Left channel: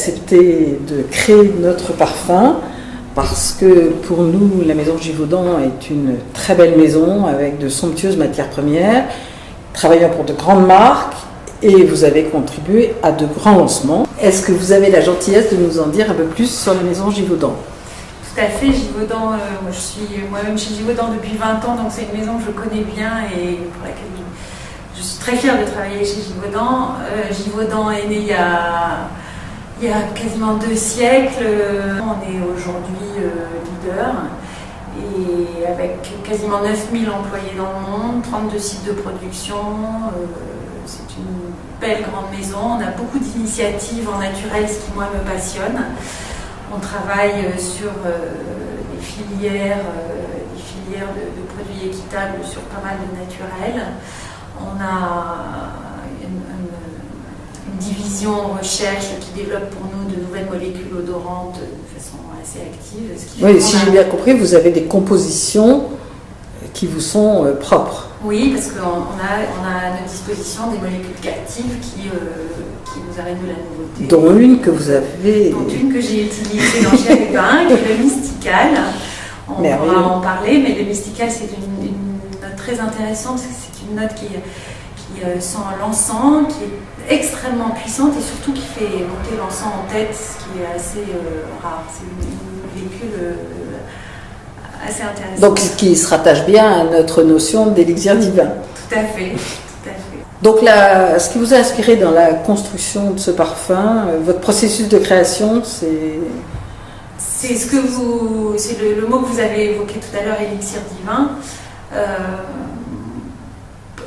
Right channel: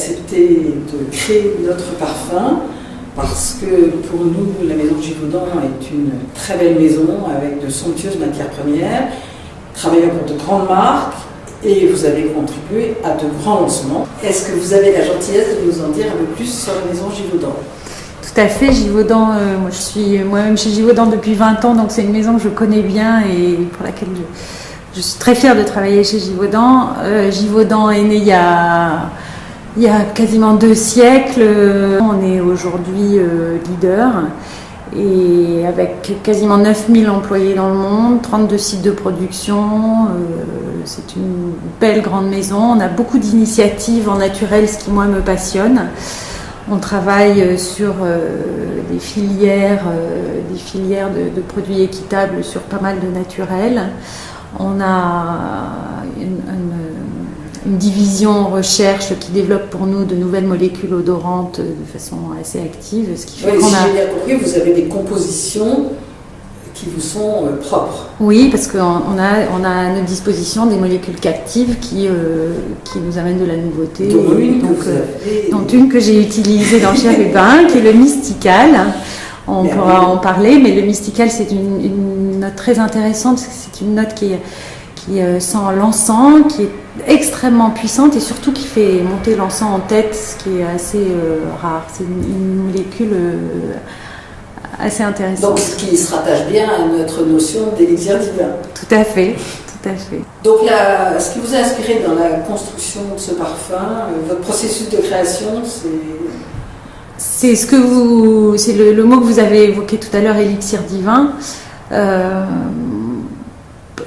accepté de créer notre parfum parce que pour nous, la maison Givaudan est une très belle maison avec de somptueuses matières premières, travaillant pour de grandes marques, et vous avez contribué à de grands lancements. Est-ce que vous avez la gentillesse de nous en dire un peu plus sur la maison Givaudan ? Tout à fait, Givaudan, je suis moi-même chez Givaudan depuis 20 ans, donc c'est une maison que je connais bien et pour laquelle je suis très fière de travailler chez Givaudan. Givaudan est né il y a quasiment 2 siècles. On est aujourd'hui leader et avec quasiment 9000 employés dans le monde, 32 sites de production. C'est une belle grande maison. On a beaucoup d'initiatives en naturel, ce qui moi me passionne. On travaille sur des filières de produits équitables sur pas mal de naturel. On a une division recherche qui développe pour nous de nouvelles molécules odorantes de façon assez active. Oui, si j'ai bien compris, vous avez des compositions qui vous sont propres. Oui, parce qu'on a à notre disposition des molécules captives qui nous amènent de la nouveauté. Dont une que vous avez... Dont une que j'ai utilisée dans Chérubin, qui est le Mystical. On pourra en parler, mais le Mystical, c'est une note très intéressante. C'est une note qui sent l'encens, qui est extrêmement puissante et surtout qui fait monter l'encens en tête, ce qui est assez rare. C'est une molécule assez intéressante. Donc, ce qui se rattache bien à notre notion d'élixir divin. Tout à fait. Donc, ce qui vous a inspiré dans la construction de ce parfum, votre processus de création, c'est le mot que vous avez évoqué tout à l'heure, élixir divin.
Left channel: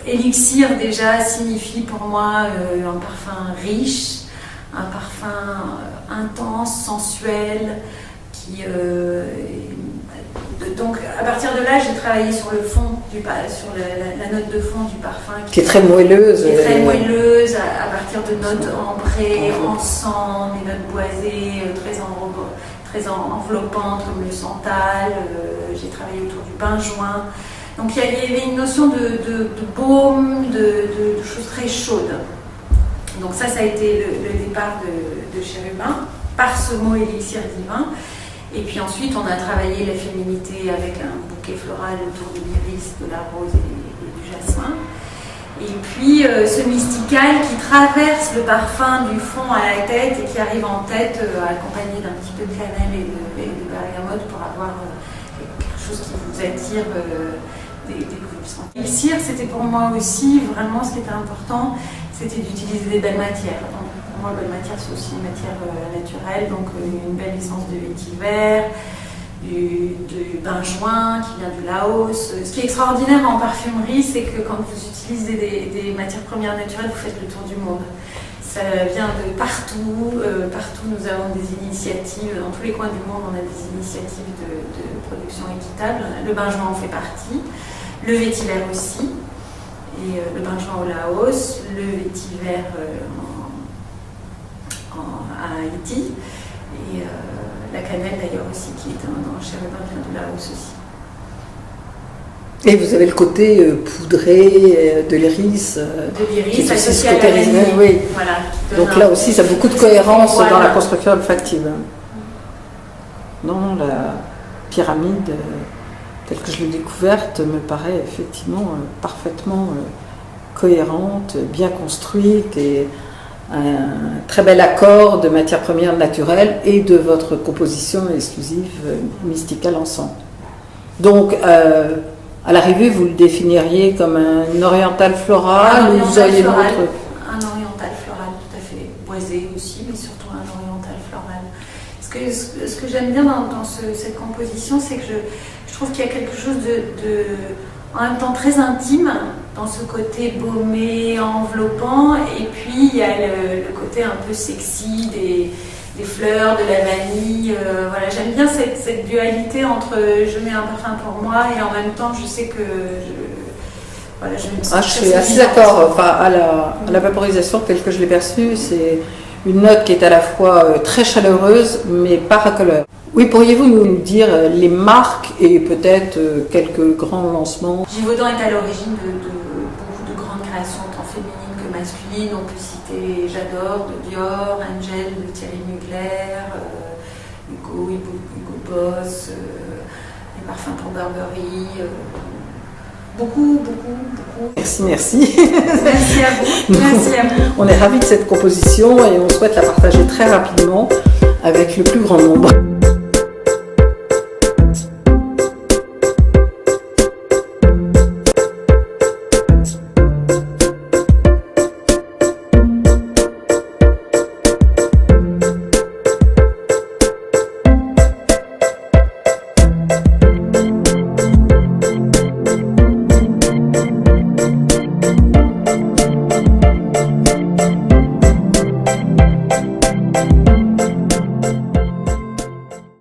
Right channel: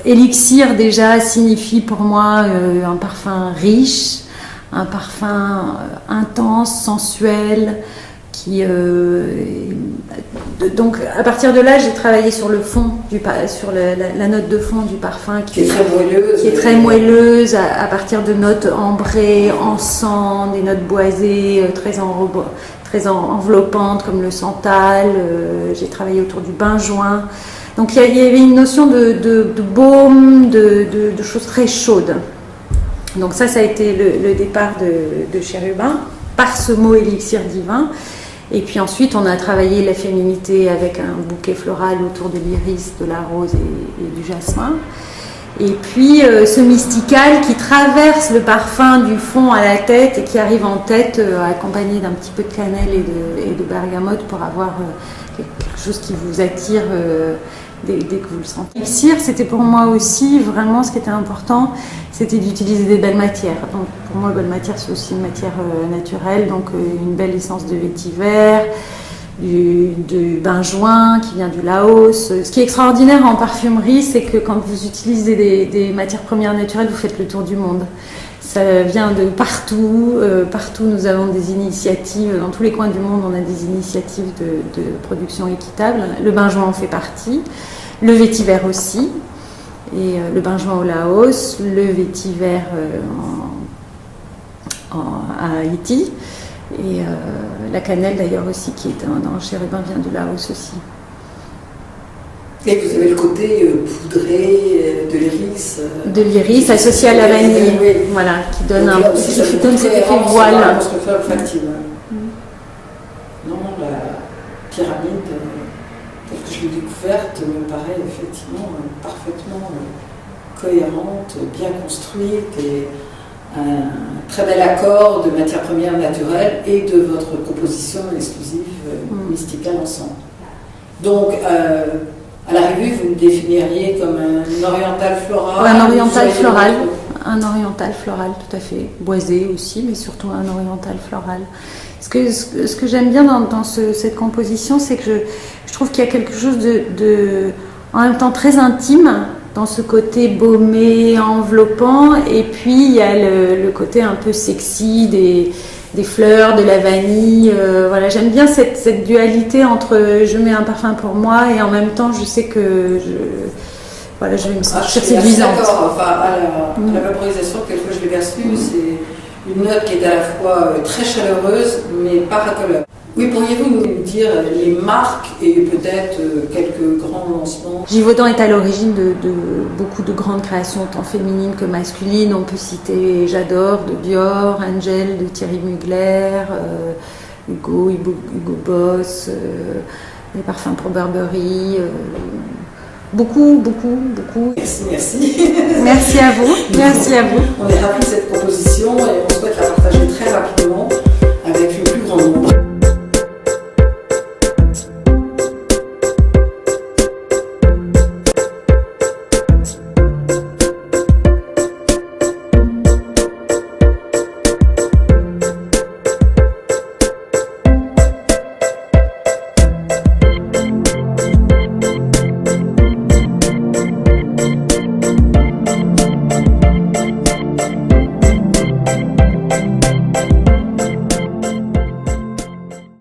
Élixir déjà signifie pour moi un parfum riche, un parfum intense, sensuel, donc à partir de là j'ai travaillé sur le fond, sur la note de fond du parfum qui est très moelleuse, à partir de notes ambrées, encens, des notes boisées, très enveloppantes comme le santal. J'ai travaillé autour du benjoin. Donc il y avait une notion de baume, de choses très chaudes. Donc ça a été le départ de Chérubin, par ce mot élixir divin. Et puis ensuite on a travaillé la féminité avec un bouquet floral autour de l'iris, de la rose et du jasmin. Et puis ce mystical qui traverse le parfum du fond à la tête et qui arrive en tête accompagné d'un petit peu de cannelle et de bergamote pour avoir quelque chose qui vous attire dès que vous le sentez. L'élixir, c'était pour moi aussi vraiment ce qui était important, c'était d'utiliser des belles matières. Donc, pour moi, belle matière, c'est aussi une matière naturelle, donc une belle essence de vétiver, du benjoin qui vient du Laos. Ce qui est extraordinaire en parfumerie, c'est que quand vous utilisez des matières premières naturelles, vous faites le tour du monde. Ça vient de partout. Partout, nous avons des initiatives. Dans tous les coins du monde, on a des initiatives de production équitable. Le benjoin en fait partie. Le vétiver aussi. Et le benjoin au Laos. Le vétiver à Haïti. Et la cannelle d'ailleurs aussi, qui est dans Chérubin, vient du Laos aussi. Et vous avez le côté poudré de l'iris. De l'iris associé à la vanille. Oui. Voilà, qui donne. Donc là aussi, ça a beaucoup de cohérence dans la construction olfactive. Non, la pyramide, telle que je l'ai découverte, me paraît effectivement parfaitement cohérente, bien construite et un très bel accord de matières premières naturelles et de votre composition exclusive Mystical ensemble. Donc, à l'arrivée, vous le définiriez comme un oriental floral? Un oriental floral, tout à fait. Boisé aussi, mais surtout un oriental floral. Ce que j'aime bien dans cette composition, c'est que je trouve qu'il y a quelque chose en même temps très intime, dans ce côté baumé, enveloppant, et puis il y a le côté un peu sexy des fleurs, de la vanille. Voilà, j'aime bien cette dualité entre je mets un parfum pour moi et en même temps je sais que je vais me sentir. Je suis assez d'accord. Enfin, à la vaporisation, telle que je l'ai perçue, c'est une note qui est à la fois très chaleureuse mais pas racoleur. Oui, pourriez-vous nous dire les marques et peut-être quelques grands lancements? Givaudan est à l'origine de beaucoup de grandes créations, tant féminines que masculines. On peut citer J'adore de Dior, Angel de Thierry Mugler, Hugo Boss, les parfums pour Burberry. Beaucoup. Merci. Merci à vous. Merci à vous. On est ravis de cette proposition et on souhaite la partager très rapidement avec le plus grand nombre.